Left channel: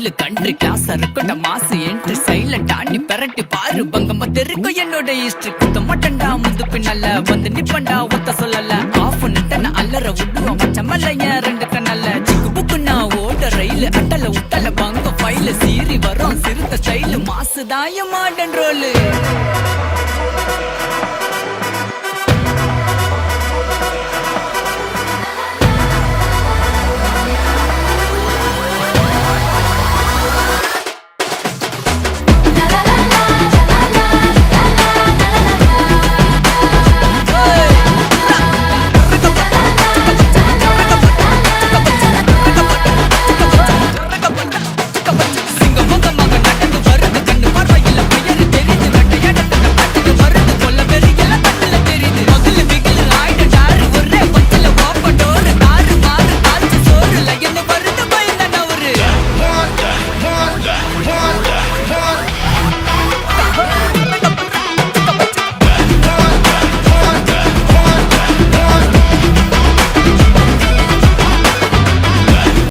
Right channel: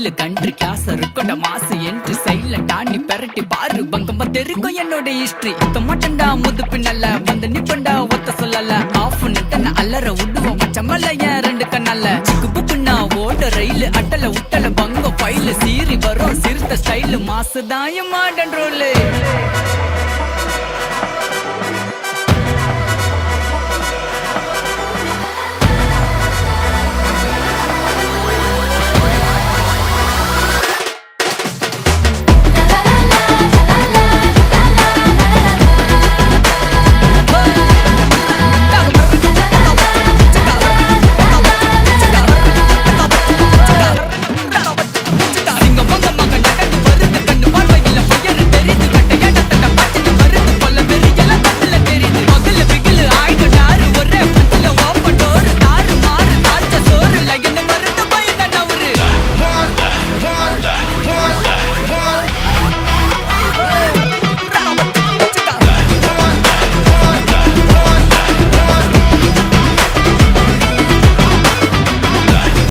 style country class இருக்கட்ட மாசு entry சைல தாண்டி பெரட்டி பாரு பங்கமா தெரிக்கும் என்னோட ஹிஸ்டரி தொமட்டண்டா முது பின்னல்ல வந்து நிப்பண்டா ஒத்த சொல்லல ஆஃப் நிட்டன அல்லற விடுவோம் மச்சமல்லைய ரெண்டு கண்ணல்ல சிக்கு புக்குன்னா ஓட ரயில் அட்டல உட்டல பங்க ஃபைல் சீறி வரும் சிறுத்த ஸ்டைல் மாசுதாயும் மாடன் ரோலு